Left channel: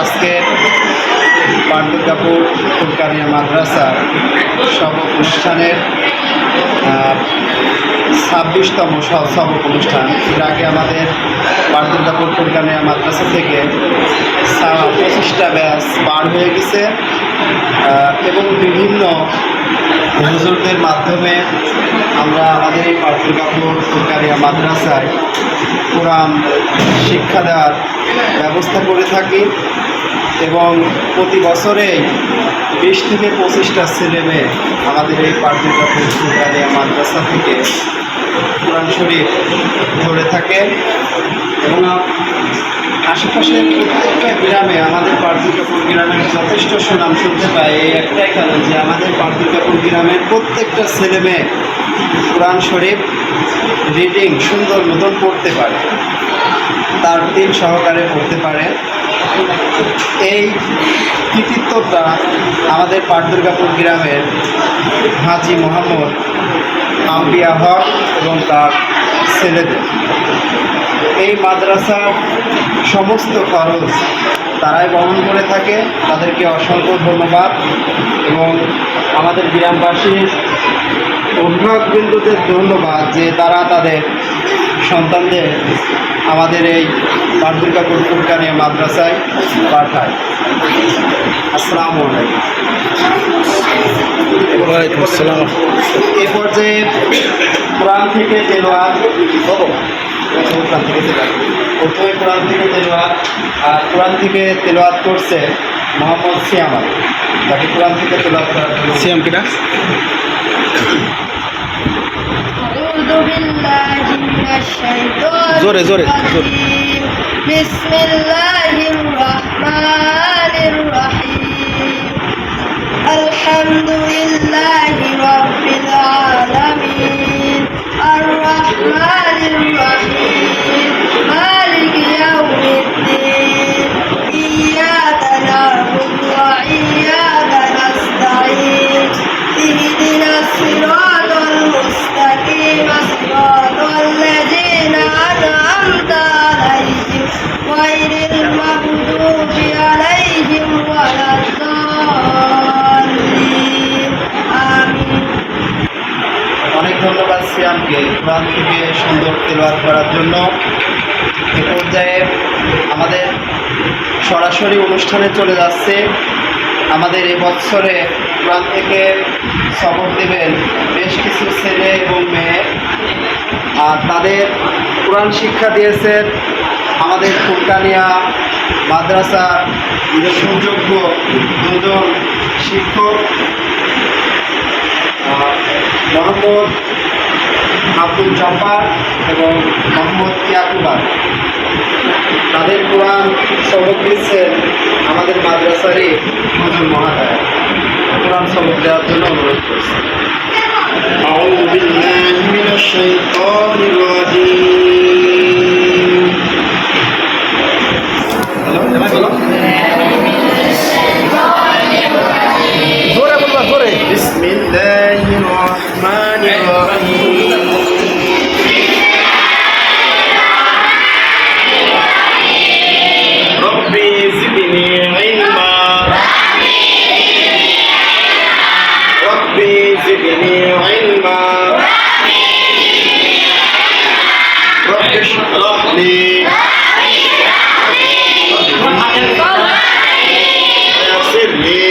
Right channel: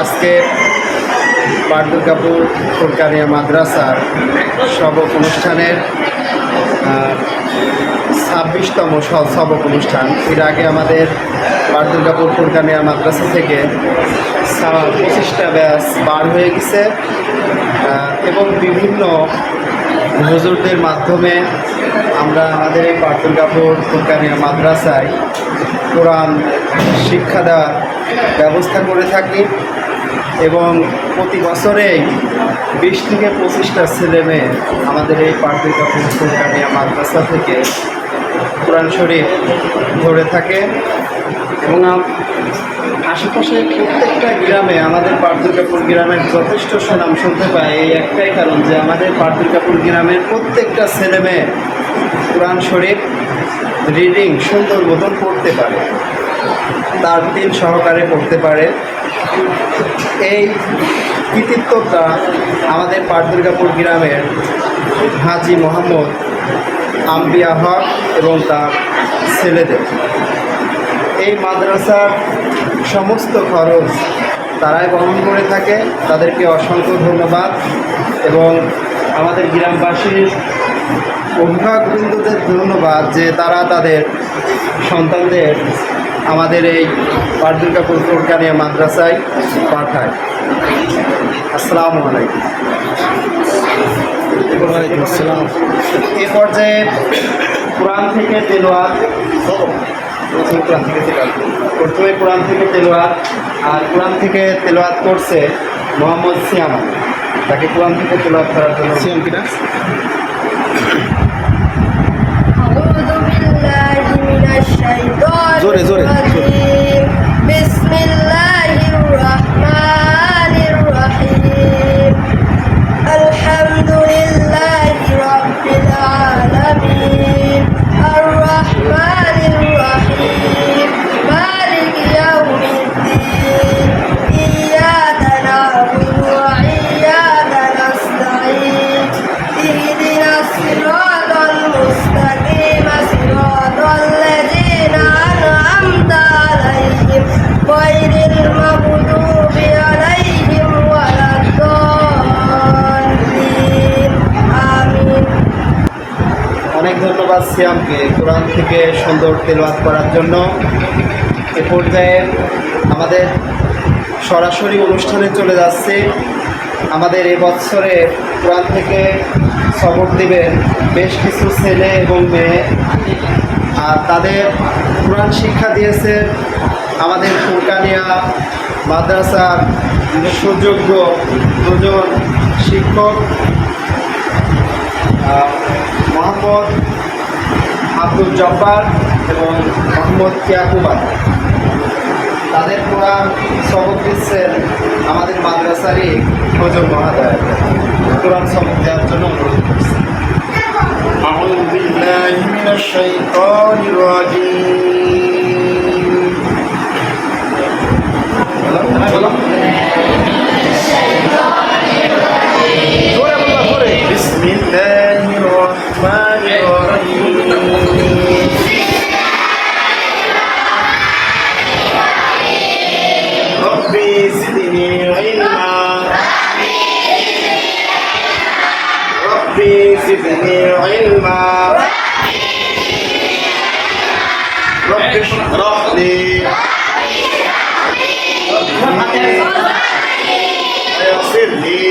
আজকের দুর্গাপুর ফুলকানিয়া মাদ্রাসার সবক অনুষ্ঠানের 26তম সবক অনুষ্ঠান। এর আগে আমাদের দুর্গাপুর ফুলকানিয়া মাদ্রাসা থেকে 25টা ব্যাচ বার হয়ে গেছে এবং বিভিন্ন হুজুরদের মাধ্যমে আমরা আমাদের এই দুর্গাপুর ফুলকানিয়া মাদ্রাসায় কোরআন শিক্ষা দেওয়ার ব্যবস্থা করে থাকি এবং প্রতি বছরেই 20 থেকে 25টা ছেলে মেয়ে আমাদের এই দুর্গাপুর ফুলকানিয়া মাদ্রাসা থেকে কোরআন শরীফ ধরে থাকে এবং আশেপাশের প্রত্যেকটা গ্রামে আমাদের দুর্গাপুর গ্রামের যথেষ্ট সুনাম শুনতে পাই। এই একটাই কারণ যে আমাদের দুর্গাপুর গ্রামের প্রত্যেকটা ছেলে মেয়ে কোরআন শরীফ রিডিং সুন্দর মতন পড়তে পারে, তার তিল সহকারে পড়তে পারে। এই কৃতিত্বটা আমাদের দুর্গাপুর গ্রামের হাজি মোহাম্মদ আম্বিয়া হক এবং তার ছেলেদের। এই মাদ্রাসার সমস্ত খরচ তারাই বহন করে থাকে, তাদেরকে অসংখ্য ধন্যবাদ এবং আমাদের গ্রামবাসীর অভিভাবকবৃন্দদের ধন্যবাদ যে তারা তাদের সন্তানদের আমাদের এই দুর্গাপুর ফুলকানিয়া মাদ্রাসায় পাঠায়। আসসালামু আলাইকুম। ওয়ালাইকুম আসসালাম। এ পর্যায়ে কোরআন থেকে তেলাওয়াত প্রথমে কোরআন থেকে তেলাওয়াত, আর কোরআন থেকে তেলাওয়াত করছে মোহাম্মদ সিয়াম আলী। তাকে কোরআন থেকে তেলাওয়াত করার জন্য সিয়াম কিনা জোরে জোরে বিসমিল্লাহির রহমানির রহিম আলহামদুলিল্লাহি রাব্বিল আলামিন আর রহমানির রহিম মালিকি ইয়াউমিদ্দিন ইয়্যাকা না'বুদু ওয়া ইয়্যাকা নাস্তাঈন ইহদিনাস সিরাতাল মুস্তাকিম সিরাতাল লাযীনা আন'আমতা আলাইহিম গায়রিল মাগদুবি আলাইহিম ওয়ালাদ-দাল্লিন। আমিন। অনেক ধন্যবাদ সিয়ামকে কোরআন থেকে সুন্দর তেলাওয়াত করার জন্য। এ পর্যায়ে আমাদের সরাসরি অনুষ্ঠানে চলে যাচ্ছে। আমাদের এই বছরে কোরআন থেকে সবক দেবেন বেশ কিছু ছেলে এবং মেয়ে, আর তাদের কোরআন শিক্ষা দিয়েছেন আমাদের ফুলকানিয়া মাদ্রাসার সুযোগ্য দুজন শিক্ষক মোহাম্মদ আব্দুল জব্বার এবং মোহাম্মদ ইয়াকুবা। তাদের কোরআন সবক দিচ্ছেন আমাদের মাদ্রাসারই হুজুর মহোদয়। কোরআন সবক দেওয়ার জন্য অনুরোধ করছি। আউযু বিল্লাহি মিনাশ শাইতানির রাজীম। বলো জোরে বলবা, জোরে। বিসমিল্লাহির রহমানির রহিম রব্বি জিদনি ইলমা রব্বি জিদনি ইলমা রব্বি ইশরাহ লি ويسر لي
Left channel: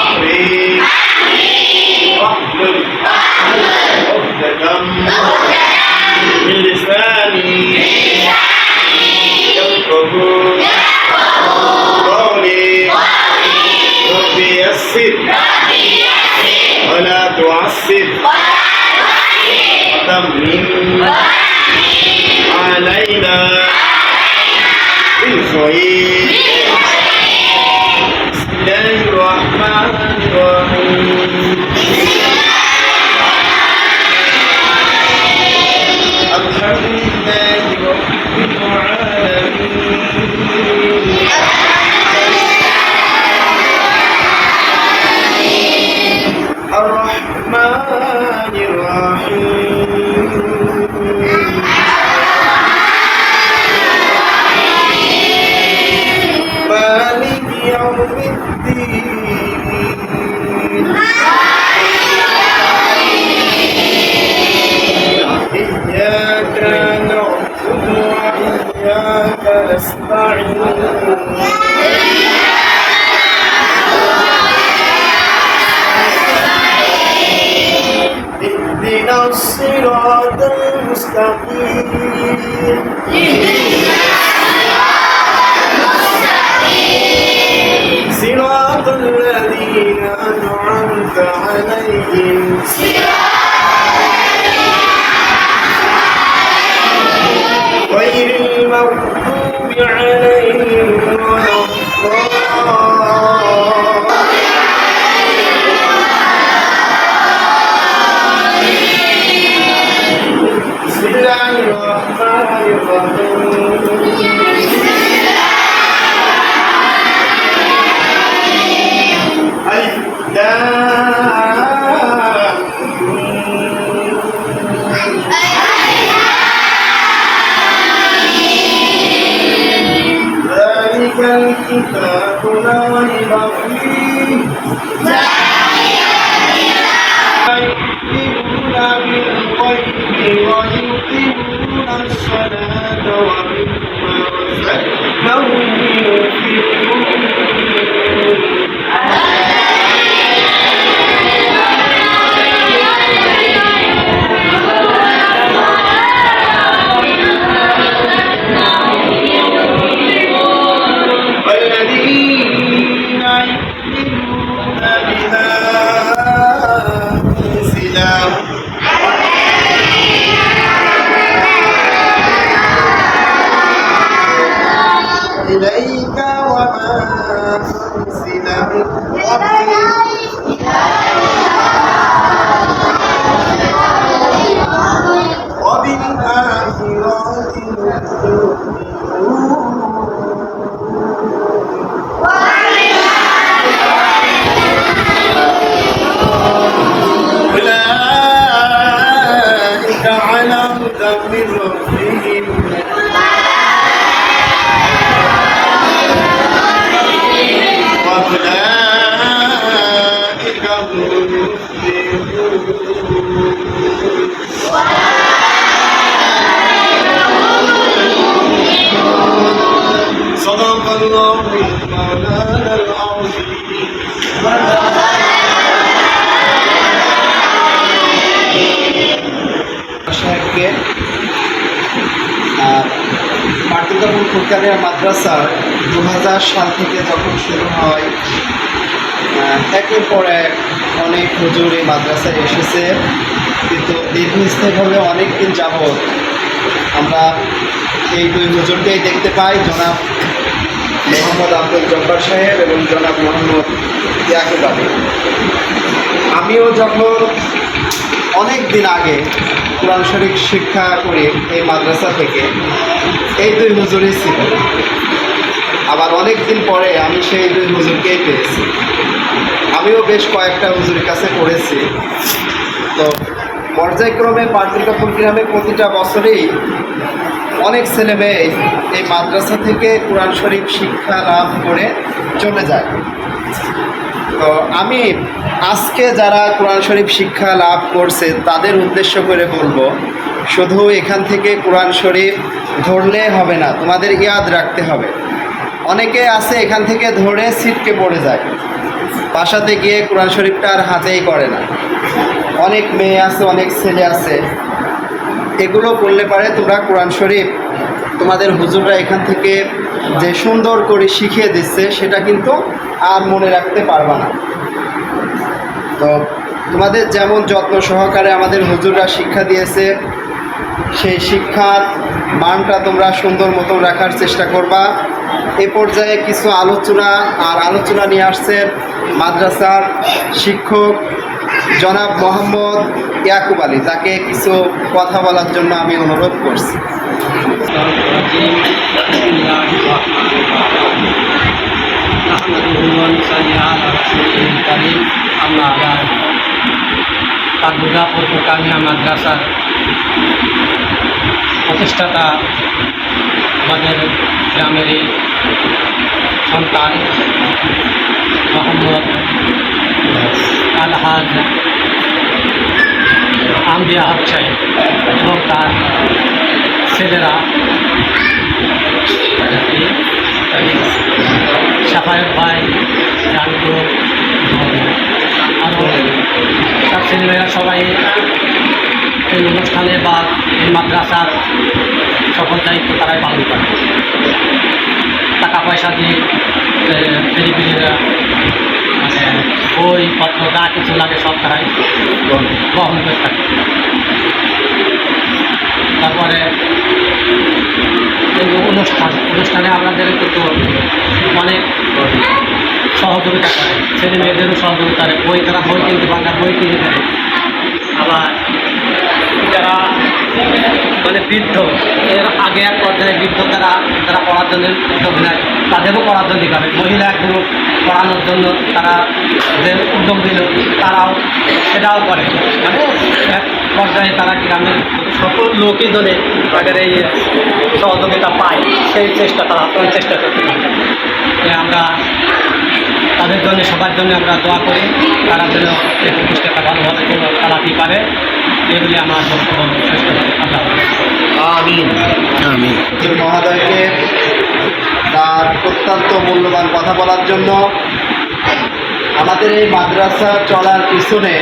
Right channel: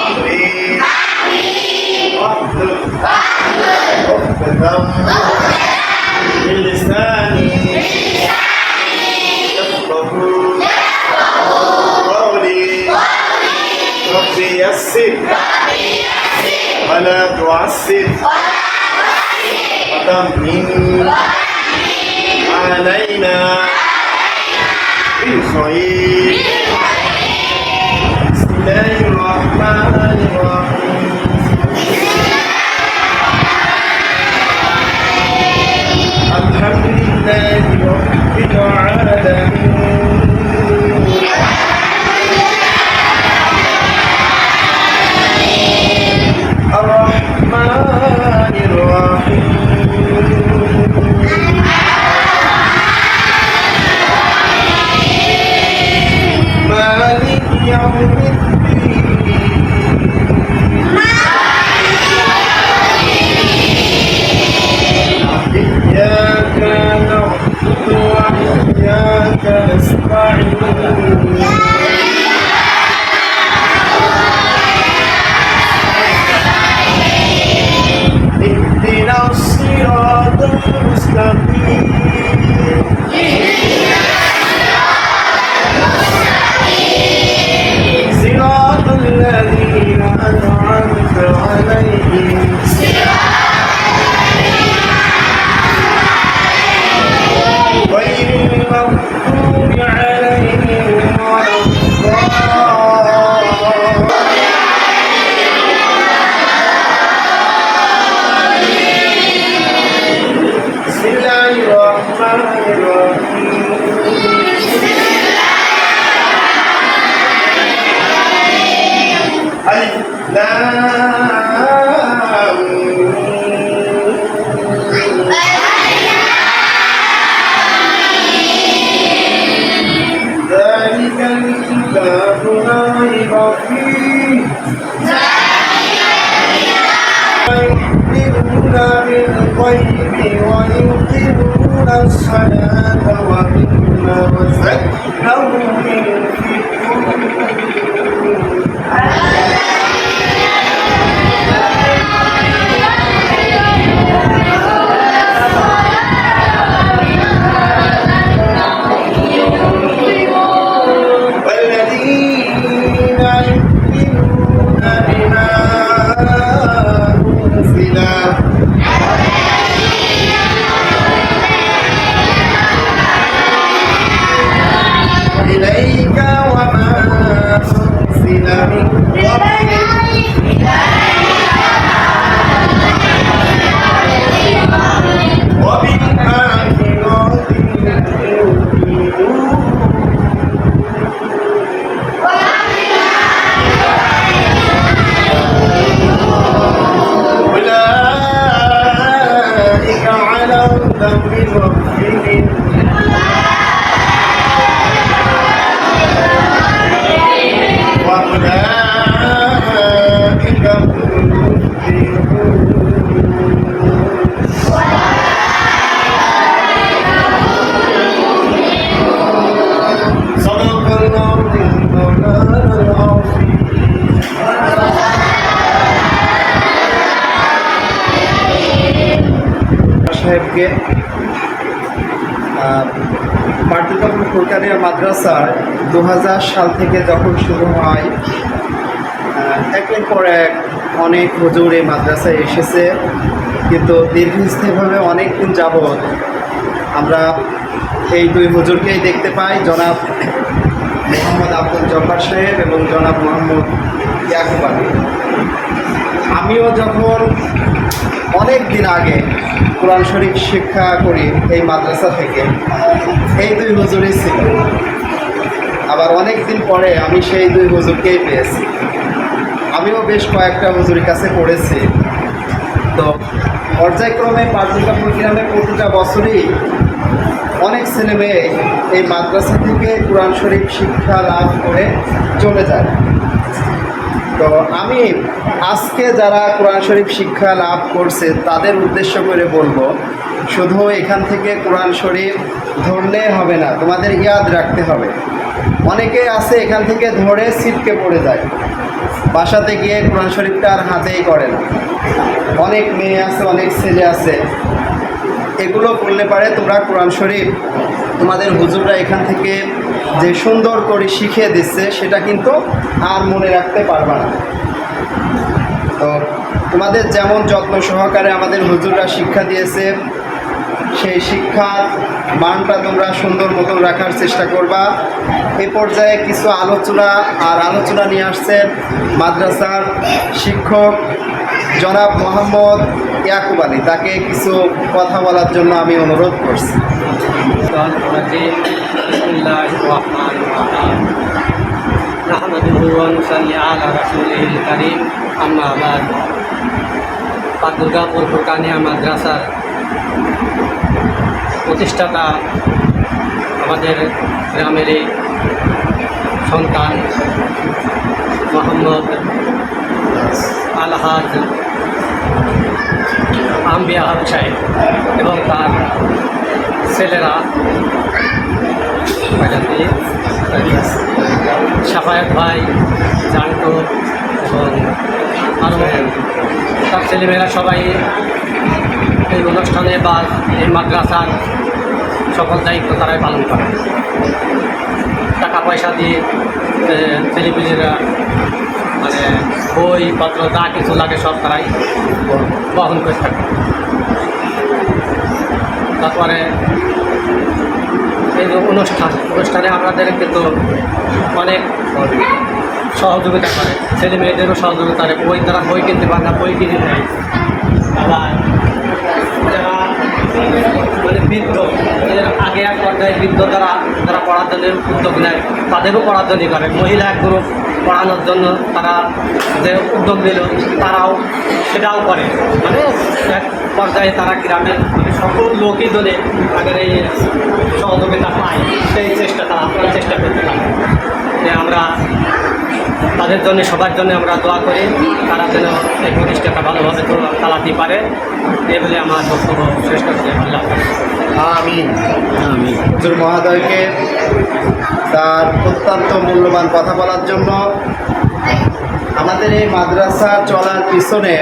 أمري واحلل عقدة من لساني يفقهوا قولي ربي يسر ولا تعسر وتمن علينا بالخير. بسم الله الرحمن الرحيم. الحمد لله رب العالمين الرحمن الرحيم نستعين اهدنا الصراط المستقيم صراط الذين أنعمت عليهم غير المغضوب عليهم ولا الضالين بسم الله الرحمن الرحيم ألف لام ذلك الكتاب لا ريب فيه يؤمنون بالغيب ويقيمون الصلاة ومما رزقناهم ينفقون والذين يؤمنون بما أنزل إليك وما أنزل من قبلك وبالآخرة يؤمنون أولئك على هدى من ربهم وأولئك هم المفلحون صدق الله مولانا العظيم সাহেবকে পাটিগণ ফুরকানিয়া মাদ্রাসা 2000 সাল থেকে যখন শুরু হয় একের পর এক অনেক হুজুর এই মাদ্রাসায় এসেছে, কিন্তু দীর্ঘস্থায়ীভাবে অনেক দিন যাবৎ আমরা এই দুই হুজুরকেই দেখতে পাই, জনাব মোহাম্মদ আব্দুল জব্বার সাহেব এবং জনাব মোহাম্মদ ইয়াকুব আলী। আমিও যখন অনেক দিন আগে কোরআন শরীফ শিক্ষা করি এই মাদ্রাসা থেকে, এই দুই হুজুরই ছিল। আবার অনেক দিন পরে আমি সেই দুই হুজুরকেই পেয়েছি। আমিও বেশ কয়েকটা হুজুরের কাছে পড়েছি। তো পর্যায়ক্রমে পাটুলকাপুর গ্রামে প্রতিটা বছরেই অনেক ছেলেমেয়ে এই মাদ্রাসা থেকে কোরআন শরীফ শিক্ষা লাভ করে চলে যায়। তো আমি আজকে যারা কোরআন শরীফ শিক্ষা লাভ করছে তাদের উদ্দেশ্য করে বলবো, শুধু এখান থেকে কোরআন শরীফ ধরলে হবে না, তোমাদের ইয়াদ রাখতে হবে। অনেকে আছে এখান থেকে ধরে ছিটকে পড়ে যায়, বাসাতে গিয়ে কোরআন শরীফটা আর হাতেই করে না। অনেক মেয়ে আছে, অনেক ছেলে আছে, এগুলো করলে পারে তোমরা কোরআন শরীফ তোমাদের হুজুররা এখান থেকে যে সুন্দর করে শিখিয়ে দিচ্ছে সেটা কিন্তু আর মনে রাখতে পারবা না। তো তোমাদের যেমন যত্ন সহকারে আমাদের হুজুররা শিক্ষা দিয়েছে, সেই শিক্ষার মানটা তোমরা সুন্দর মতন রাখার চেষ্টা করবা। এ পর্যায়ে কিছু আলোচনা নিয়ে আসছেন মাদ্রাসার শিক্ষক জনাব মোহাম্মদ ইয়াকুব আলী। তাকে কিছু কথা বলার জন্য আমি অনুরোধ করছি। দুর্গাপুর ফুরকানিয়া মাদ্রাসার প্রতিষ্ঠাতা আমাদের গ্রামেরই সন্তান মোহাম্মদ আলহাজ আম্বিয়া হক সাহেব এবং তার ছেলেরা সাফায়েত ভাই, জানতো আরও তার ছেলেমেয়েরা সবাই এই অনুষ্ঠানে বা এই মাদ্রাসার সকল দায়িত্ব তারাই পালন করে। টাকা পয়সা দিয়ে টেলিভিশনে মানে বইপত্র যা কিছু লাগে সব তারাই বহন করে থাকে। তারপরে এই অনুষ্ঠানে আমাদের কিন্তু অনেক সহযোগিতা করে, ছেলে মেয়েদেরও সহযোগিতা করে। বই তারা বই কিনতে বাংলা বই কিনে দেয়। আবার যারা মানে বৃদ্ধ, এর আগে এক পর্যায়ে বৃদ্ধ যারা পড়ার জন্য উদ্যোগ নেয়, তাদেরও পড়ার জন্য করে। মহিলা এক গ্রুপ পড়ানোর জন্য তারা যে উদ্যোগ নিল, তারাও সেটাও করে। মানে এক পর্যায়ে তারা গ্রামের সকল লোকই ধরে তাদের এই সহযোগিতা পায়, সেই চেষ্টা তারা চেষ্টা করতে পারে। আমরা তাদের জন্য সবার জন্য আমরা দোয়া করি, তারা যেন এই প্রতিষ্ঠাটা ভালোভাবে চালাতে পারে। এগুলি আমার বক্তব্য শেষ করে আল্লাহ আমিন আমিন। হুজুর মহোদয়কে তার অত্যন্ত মূল্যবান কথা বলার জন্য। আমাদের এই মাদ্রাসা চলার পিছনে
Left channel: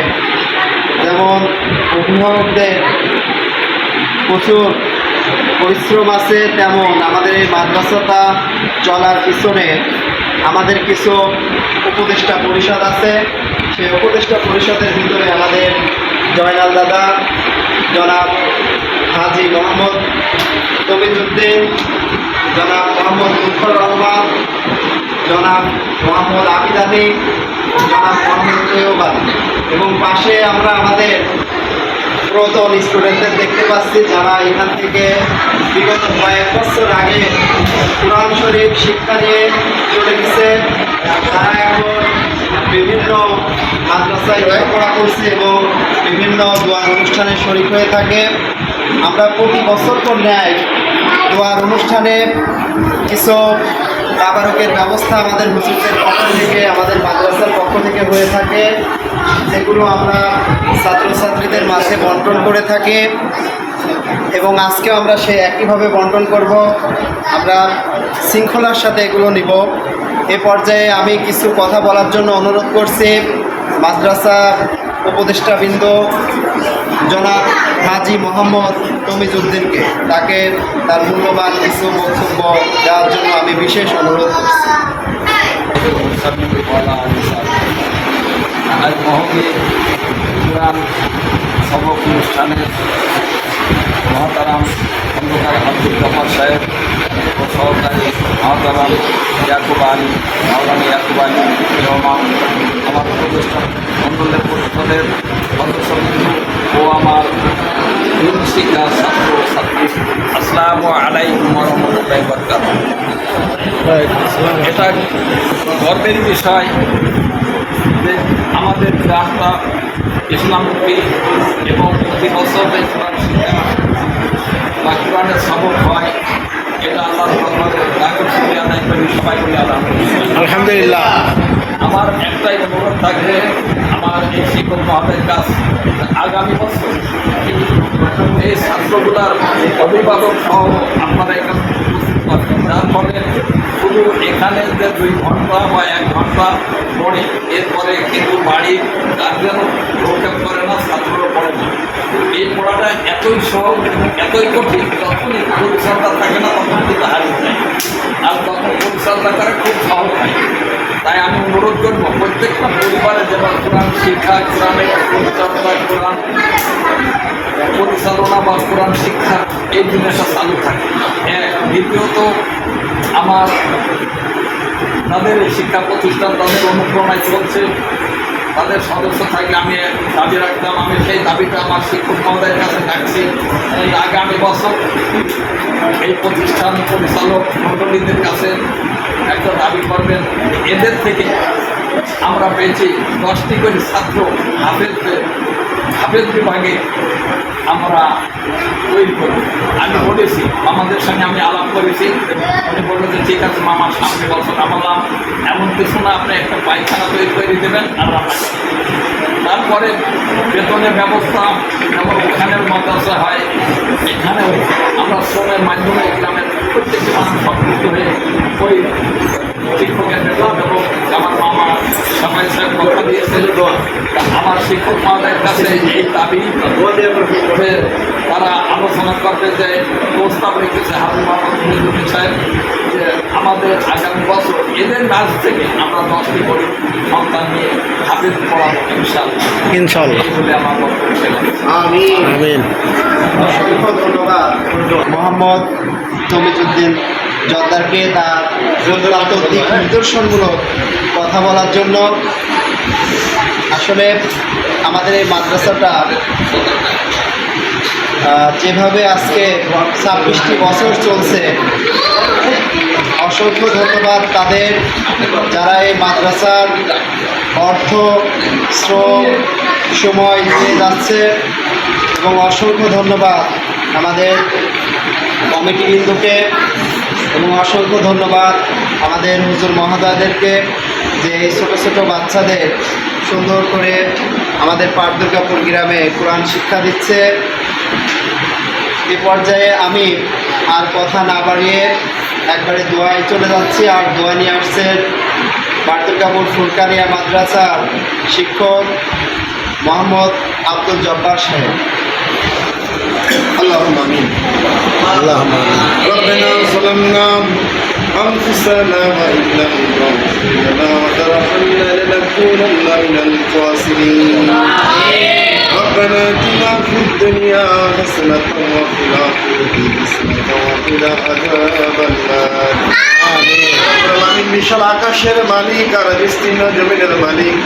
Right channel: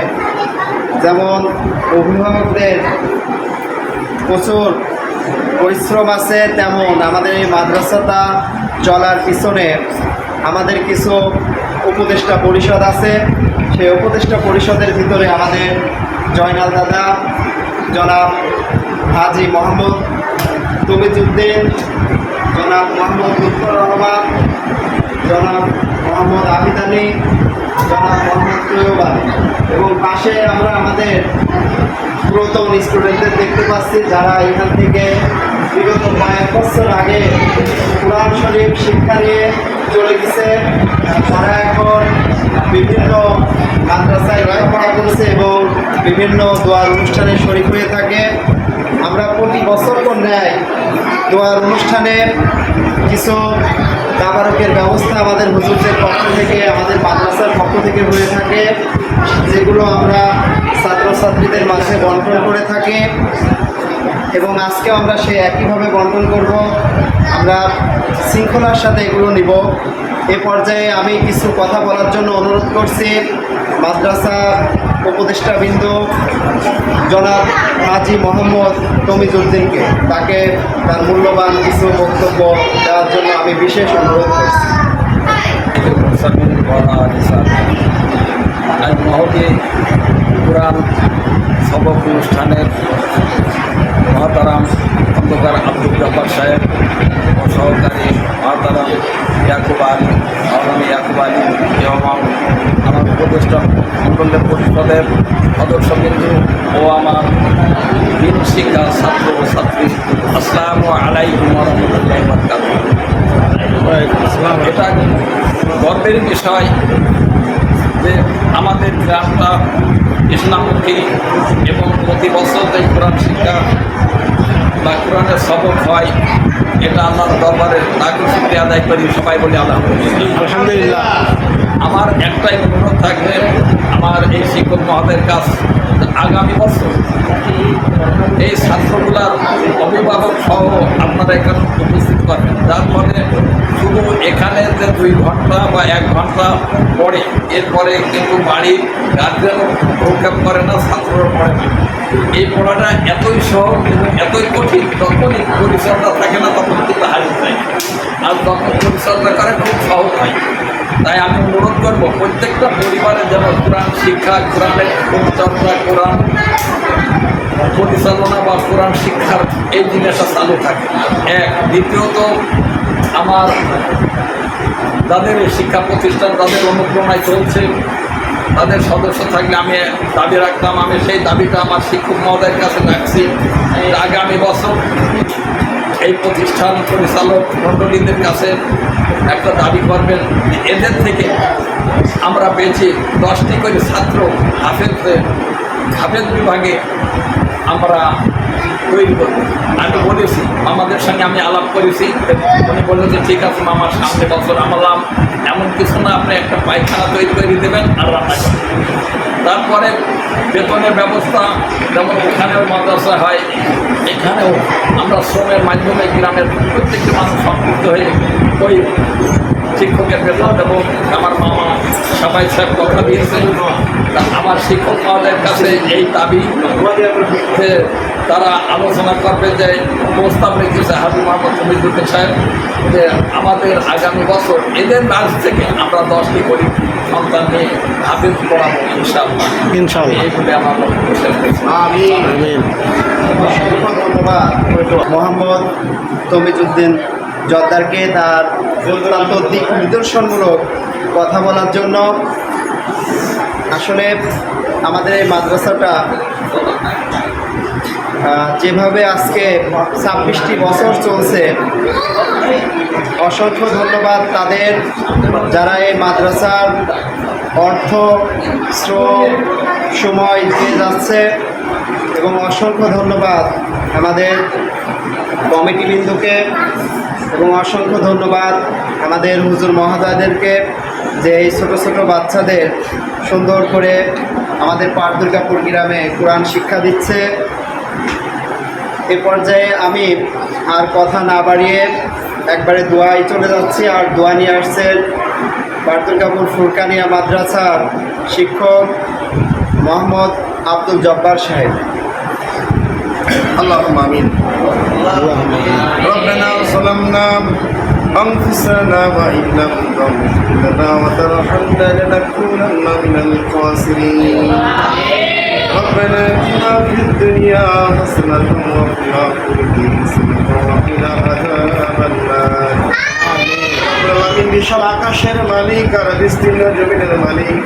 যেমন অভিভাবকদের প্রচুর পরিশ্রম আছে, তেমন আমাদের এই মাদ্রাসাটা চলার পিছনে আমাদের কিছু উপদেষ্টা পরিষদ আছে। সেই উপদেষ্টা পরিষদের ভিতরে আমাদের জয়নাল দাদা, জনাব হাজি মোহাম্মদ তমিজউদ্দিন, জনাব মোহাম্মদ লুৎফর রহমান, জনাব মোহাম্মদ আবিদ আলী, জনাব মোহাম্মদ তৈয়ব আলী, এবং পাশে আমরা আমাদের পুরাতন স্টুডেন্টদের দেখতে পাচ্ছি, যারা এখান থেকে বিগত কয়েক বছর আগে কোরআন শরীফ শিক্ষা নিয়ে চলে গেছে। তারা এখন বিভিন্ন মাদ্রাসায় লেখাপড়া করেছে এবং বিভিন্ন দোয়ার অনুষ্ঠানে শরীক হয়ে থাকে। আমরা প্রতি বছর তো ন্যায় দোয়ার অনুষ্ঠানে কিছু তাবারকের ব্যবস্থা আমাদের হুজুরদের পক্ষ থেকে, আমাদের মাদ্রাসার পক্ষ থেকে হয়ে থাকে, যেগুলো আমরা ছাত্রছাত্রীদের মাঝে বন্টন করে থাকি। এবং আজকেও আমরা সেই একইভাবে বন্টন করব। আমরা শৃঙ্খলার সাথে এগুলো নিব। এ পর্যায়ে আমি কিছু কথা বলার জন্য অনুরোধ করছি মাদ্রাসা উপদেষ্টাবৃন্দ জনাব হাজি মোহাম্মদ তমিজউদ্দিনকে। তাকে তার মূল্যবান কিছু বক্তব্য দেওয়ার জন্য আমি বিশেষ অনুরোধ করছি। আজ মহবী কোরআন সবক অনুষ্ঠানে মহাতারাম খন্দকার আব্দুল জব্বার সাহেব ও সহকারী মহাতারাম ইয়াকুব আলী, মাওলানা ইয়াকুব আলী এবং আমার প্রতিষ্ঠান মন্ডলের পরিষদের সদস্যবৃন্দ ও আমার দিন শিক্ষা ছাত্র ও ছাত্রী, আসসালামু আলাইকুম ওয়া রাহমাতুল্লাহি ওয়া বারাকাতুহু। এটা গর্বের বিষয় যে আমাদের গ্রামটা ইসলামমুখী এবং প্রতি বছর যে কোরআন শিক্ষা বা কোরআনের সবক হয়, এটা আল্লাহর দরবারে লাখো শুকরিয়া আদায় করি। সবাই বলি আলহামদুলিল্লাহ। আমার একটাই অনুরোধ থাকবে আমার এই শিক্ষক মহোদয়ের কাছ, আগামী বছর এই ছাত্রগুলার অভিভাবক সহ আপনারা এখানে উপস্থিত থাকবেন, যার ফলে শুধু এখানে যে 2 ঘন্টা বা 1 ঘন্টা পড়ে, এরপরে কিন্তু বাড়ির গার্জেনও প্রক্ষেপ করে না, ছাত্ররা পড়ে না। এই পড়াটা এতই সহজ এবং এতই কঠিন, যখনই পরিচর্যা থাকে না তখন কিন্তু হারিয়ে যায়, আর তখন পরিচর্যা করা খুব সহজ হয়। তাই আমি অনুরোধ করব প্রত্যেকটা পরিবারে যেন কোরআন শিক্ষা, কোরআনের পরিচর্যা, কোরআন পরিচালনা বা কোরআন শিক্ষার এই জিনিসটা চালু থাকে। এক, দ্বিতীয়ত আমার যাদের শিক্ষা প্রতিষ্ঠান তাদের অনুপ্রেরণায় চলছে, তাদের সদস্য থাকলে আমি দাবি রাখতাম, আমি সেই দাবিটা আমার শিক্ষক মহোদয়ের কাছে রাখছি। আগামী বছর এই প্রতিষ্ঠান পরিচালক মণ্ডলীদের কাছে একটা দাবি করবেন, এদের থেকে আমরা পেয়েছি 10টি করে ছাত্র হাফেজ বিভাগে আমরা তৈরি করব। আমি বলেছি, আমাদের সঙ্গে আমি আলাপ করেছি, উনি বললো যে ঠিক আছে মামার সামনে বছর। আমলাম এমন কিছু না, আপনি একটা পায়খানা তৈরি করে দেবেন আর রান্না করবেন। তারপরে বেতনের ব্যবস্থা যেমন ওখানের মাদ্রাসা হয়, এখানেও আমরা শ্রমের মাধ্যমে গ্রামের প্রত্যেকটি মানুষ সম্পৃক্ত হয়ে ওই শিক্ষকের বেতন এবং আমার মামা সবাই স্যার কথা দিয়েছেন। তা আমার শিক্ষক মহোদয়ের কাছে এই দাবি যে তারা আলোচনা করবে, যে প্রস্তাব রেখেছে হাবিব মোহাম্মদ মহিদুদ্দিন সাহেব, যে আমাদের আগামী বছর এদের নার্স থেকে আমরা 10টি গরিব সন্তান নিয়ে হাফেজ পড়াবো ইনশাআল্লাহ। ইনশাআল্লাহ। এইগুলি আমার বক্তব্য শেষ করছি। আমিন। অসংখ্য ধন্যবাদ মোহাম্মদ তমিজউদ্দিন জর্দারকে তার অত্যন্ত দিক নিদর্শনমূলক কথা বলার জন্য। আসলে আমাদের এই মাদ্রাসাটা যেভাবে আজকে 26টি বছর চলছে, অসংখ্য ধন্যবাদ তাদের যারা এই মাদ্রাসার অর্থ শ্রম সময় দিয়ে যাচ্ছে, এবং অসংখ্য ধন্যবাদ আমাদের কমিটিবৃন্দকে, এবং অসংখ্য ধন্যবাদ আমাদের হুজুর মহোদয়দেরকে যে এই ছোটো ছোটো বাচ্চাদের সুন্দর করে আমাদের পাট দুর্গাপুর গ্রামে কোরআন শিক্ষা দিচ্ছে। এ পর্যায়ে আমি আর কথা না বাড়িয়ে একবারে দোয়ায় চলে যাচ্ছি। আর দোয়া নিয়ে আসছেন পাট দুর্গাপুর ফুরকানিয়া মাদ্রাসার শিক্ষক মোহাম্মদ আব্দুল জব্বার সাহেব। اللهم آمين. اللهم آمين. ربنا ظلمنا أنفسنا وإن لم تغفر لنا وترحمنا لنكونن من الخاسرين. ربنا آتنا في الدنيا حسنة وفي الآخرة حسنة وقنا عذاب النار. আমিন। বিশাল আকাশের মালিক আর বিস্তীর্ণ জমিনের মালিক,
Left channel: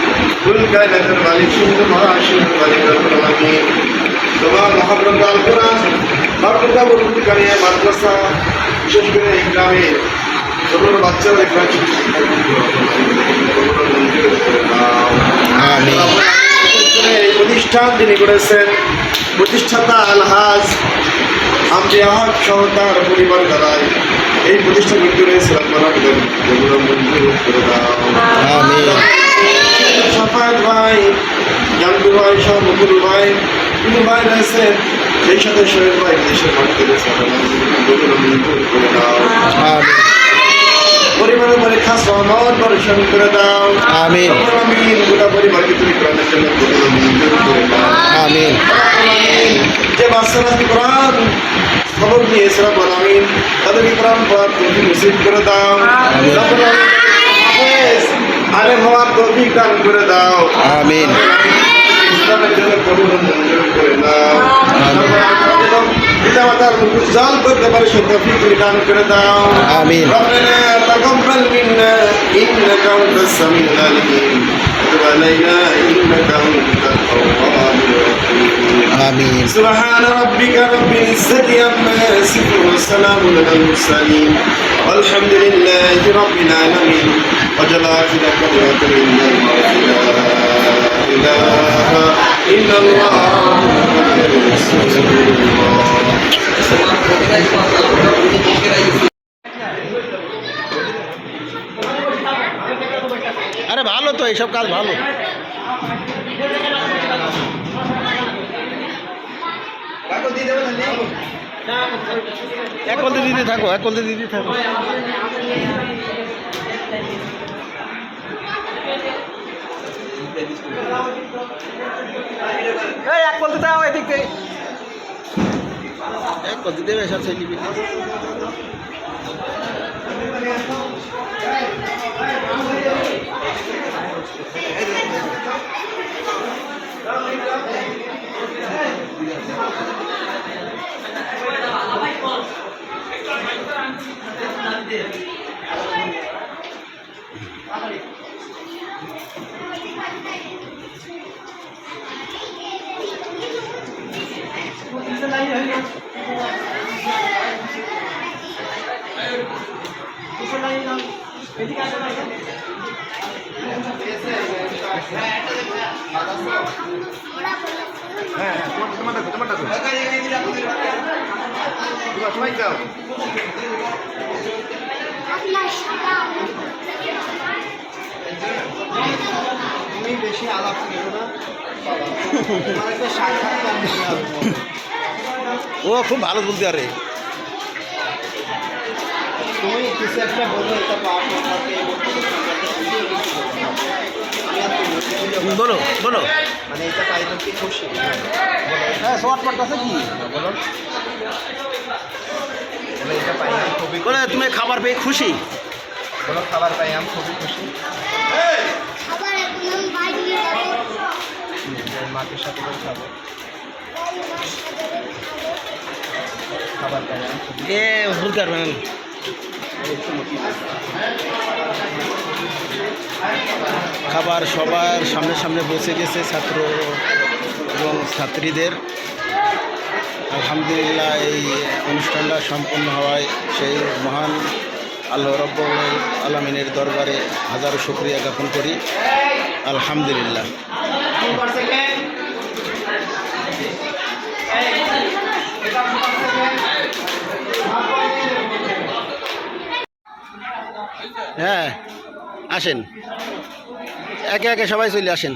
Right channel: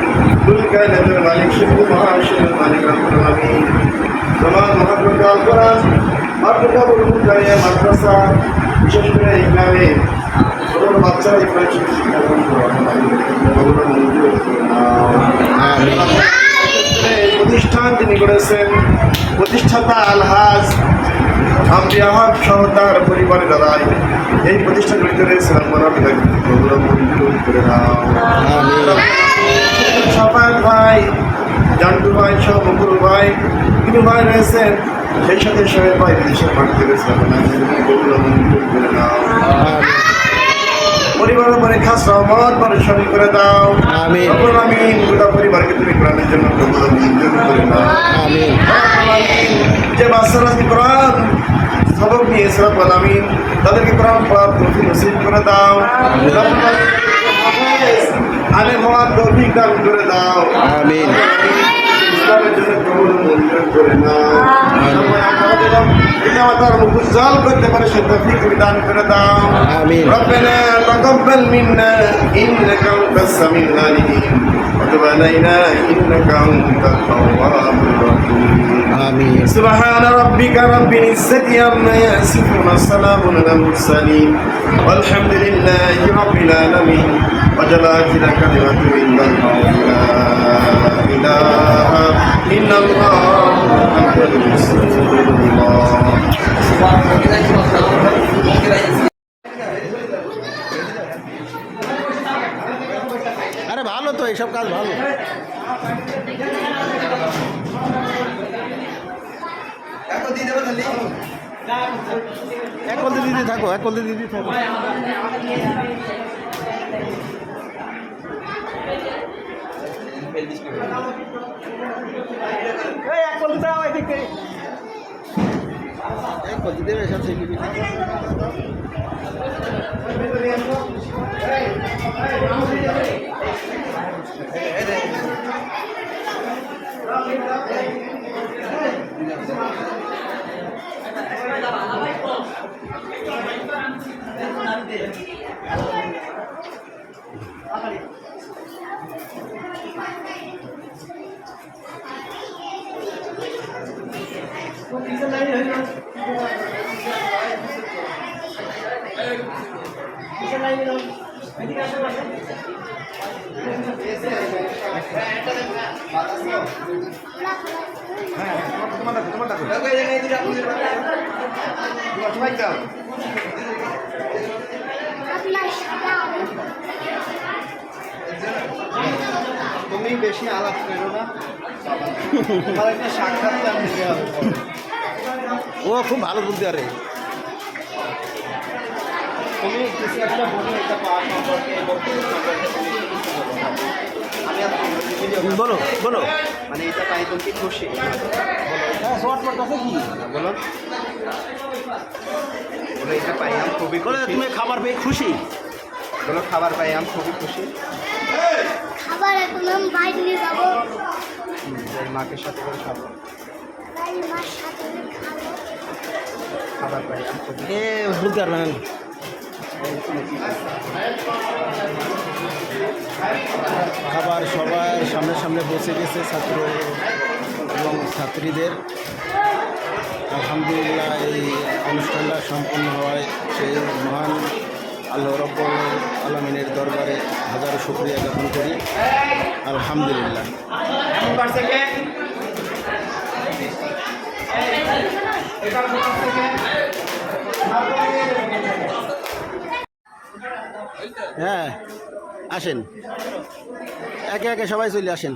কুল কায়নাতের মালিক, শুদ্ধ মহাশূন্য মালিক রব্বুল আমিন। তোমার মহাগ্রন্থ আল কোরআন মাদ্রাসা ফুরকানিয়া মাদ্রাসা, বিশেষ করে এই গ্রামে ছোট বাচ্চারা এই প্রতিষ্ঠান যিনি করেছেন প্রতিষ্ঠাতা আলহাজ আমরিয়া হক সহ তার পরিবার দ্বারাই এই প্রতিষ্ঠান গঠিত রয়েছে। আপনারা মঞ্জুর করে দাও। সাফায়াত ভাই, জান্টু ভাই সহ বকুল ভাই, বিনু ভাই রয়েছেন, সেই সাথে শহীদ ভাই বিদেশের মাটিতে রয়েছে। আপনারা মঞ্জুর করে দাও। পরিবারের উপরে খাস রহমত বর্ষণ করে দাও। আমিন। আমিন। গোটা পরিবারকে তুমি কোরআনের জন্য মঞ্জুর করে দাও। আমিন। যে বাচ্চারা কোরআন সবক নিয়েছে রব্বুল আমিন, তাদেরকে কোরআন পড়ার তৌফিক নসিব করে দাও। রব্বুল আমিন আলেম হওয়ার তৌফিক দান করে দাও। আমিন। ইসলামের জন্য কবুল মঞ্জুর করে নাও। পিতামাতার মুখ উজ্জ্বল করতে পারে সেই তৌফিক তুমি দান করে দাও। আমিন। রব্বানা তাকাব্বাল মিন্না ইন্নাকা আনতাস সামিউল আলিম ওয়া তুব আলাইনা ইন্নাকা আনতাত তাওয়াবুর রাহিম। আমিন। سبحان ربك رب العزة عما يصفون وسلام على المرسلين والحمد لله رب العالمين وجل آخر كلمة إلا الله لا إله إلا الله محمد رسول الله. আরে ভালো তো, এইসব কাজ ভালো। এক কলতে দিতে থাকো, এক কলতে দিতে থাকো। এই এক কলতে দাও এদিক থেকে। এক কলতে দেবে সব সেই নিবি। হ্যাঁ তোমার ডাকো সবাই যাও। তুমি বেশি আলাপ করো না, সাক্ষাৎ কম দিতে হবে। ও খুব ভালো বলতে আরে তুমি কিছু একটা বলবো এটা পাওয়া সম্পর্কে বক্তব্য সম্পর্কে তুমি কি কিছু বলো? আমি আর তুমি video বলো বলো মানে এটা পাই তুমি কি খুশি না বলো হ্যাঁ শর্ট পাট আছে কি বলো বলো এটা পাই আমি খুবই বলে খুশি। তুমি খাবার পেয়ে খুশি বলো খাবার পাই আমি খুবই খুশি আবার এখন বাইক নিয়ে যাবো মাকে সাথে করে খাবো তাই মার সাথে খাবো খাবার পাই আমি খুবই এ বলতে পারবেন খাবার সবার সামনে সামনে বসে গেছে ছাত্র এবং ছাত্রীদের আলহামদুলিল্লাহ এই অনুষ্ঠানটা সম্পন্ন হওয়ায় সেই মহান আল্লাহ রব্বুল আলামিনের দরবারে হাজারো শুকরিয়া জ্ঞাপন করি আলহামদুলিল্লাহ হ্যাঁ আসেন একে একে সবাই চলে আসেন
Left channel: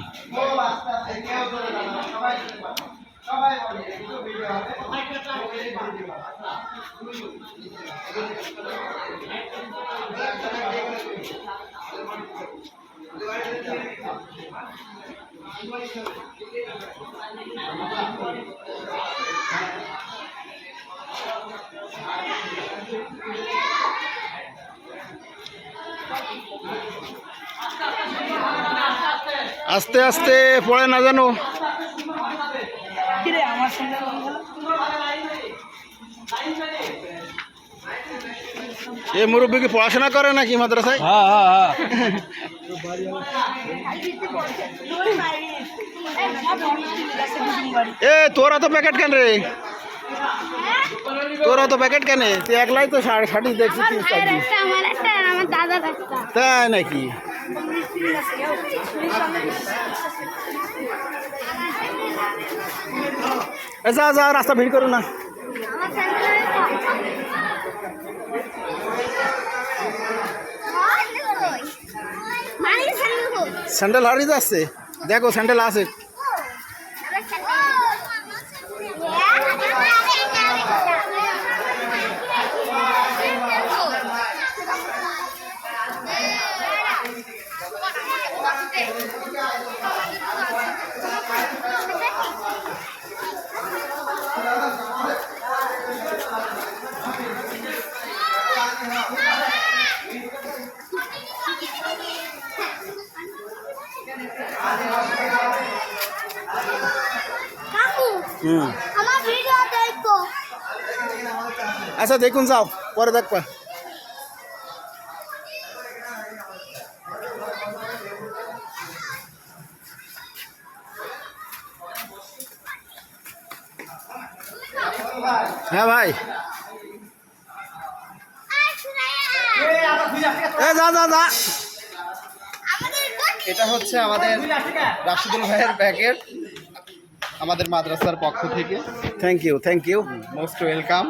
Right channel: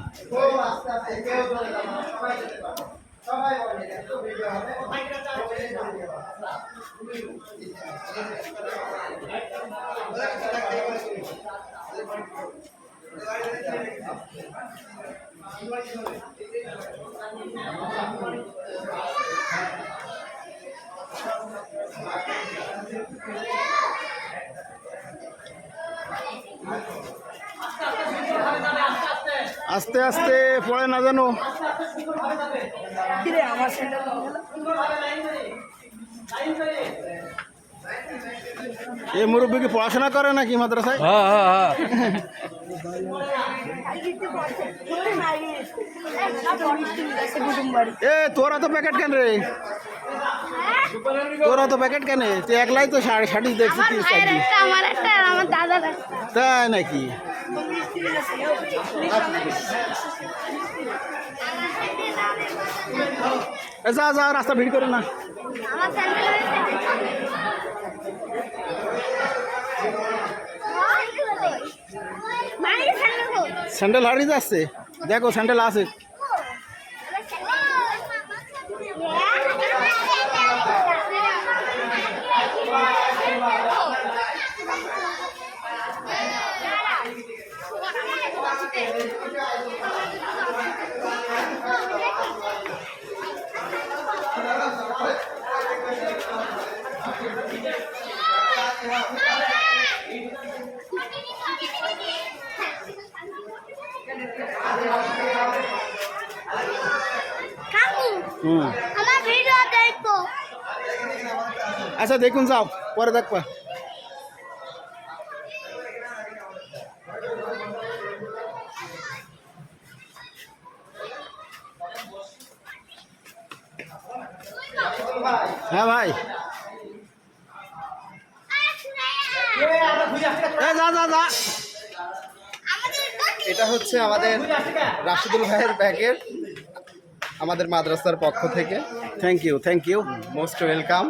আস্তে আস্তে পড়ে না জানো এ মুরব্বী কি পড়াশোনা করে নাকি মাদ্রাসায় এ তোরা তো প্যাকেট কেন রে তোরা তো প্যাকেট কেন তুই একলাই তো ষাটি দেখছি তুই চাকরি আমার একটা আর আমার দাদার একটা তাই নাকি এ যা যা রাস্তা ভিড় করো না আমার স্যান্ডেল মানে স্যান্ডেল হোক স্যান্ডেল হারিয়ে যাচ্ছে দেখো স্যান্ডেল আছে কাকু হুম আমার ভিডিও দেখো আচ্ছা দেখুন যাও পরে দেখবা হ্যাঁ ভাই এ যা যা যা এটা হচ্ছে আমাদের রাশিদুল ভাইয়ের প্যাকেট আমাদের মাদ্রাসার পক্ষ থেকে থ্যাংক ইউ মোস্ট ওয়েলকাম